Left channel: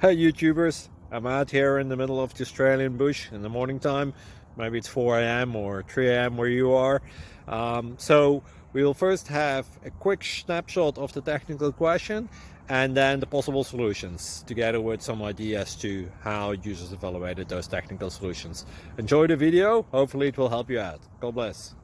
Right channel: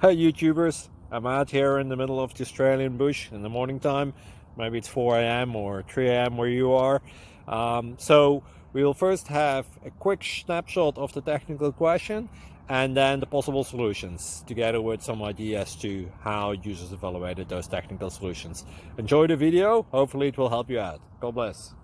Hey YouTubers, I'm out here in the middle of the Australian bush in the morning time. Maybe it's 4 a.m. or 3 a.m. where you are. So we will first have a quick snapshot of the technical question and then the possible solutions, together with some ideas to how users evaluated those technical solutions. Enjoy the video, hopefully it will help you out. God bless.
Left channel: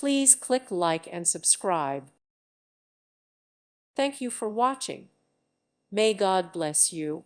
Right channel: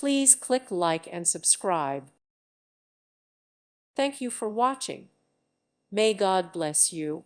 Please click like and subscribe. Thank you for watching. May God bless you.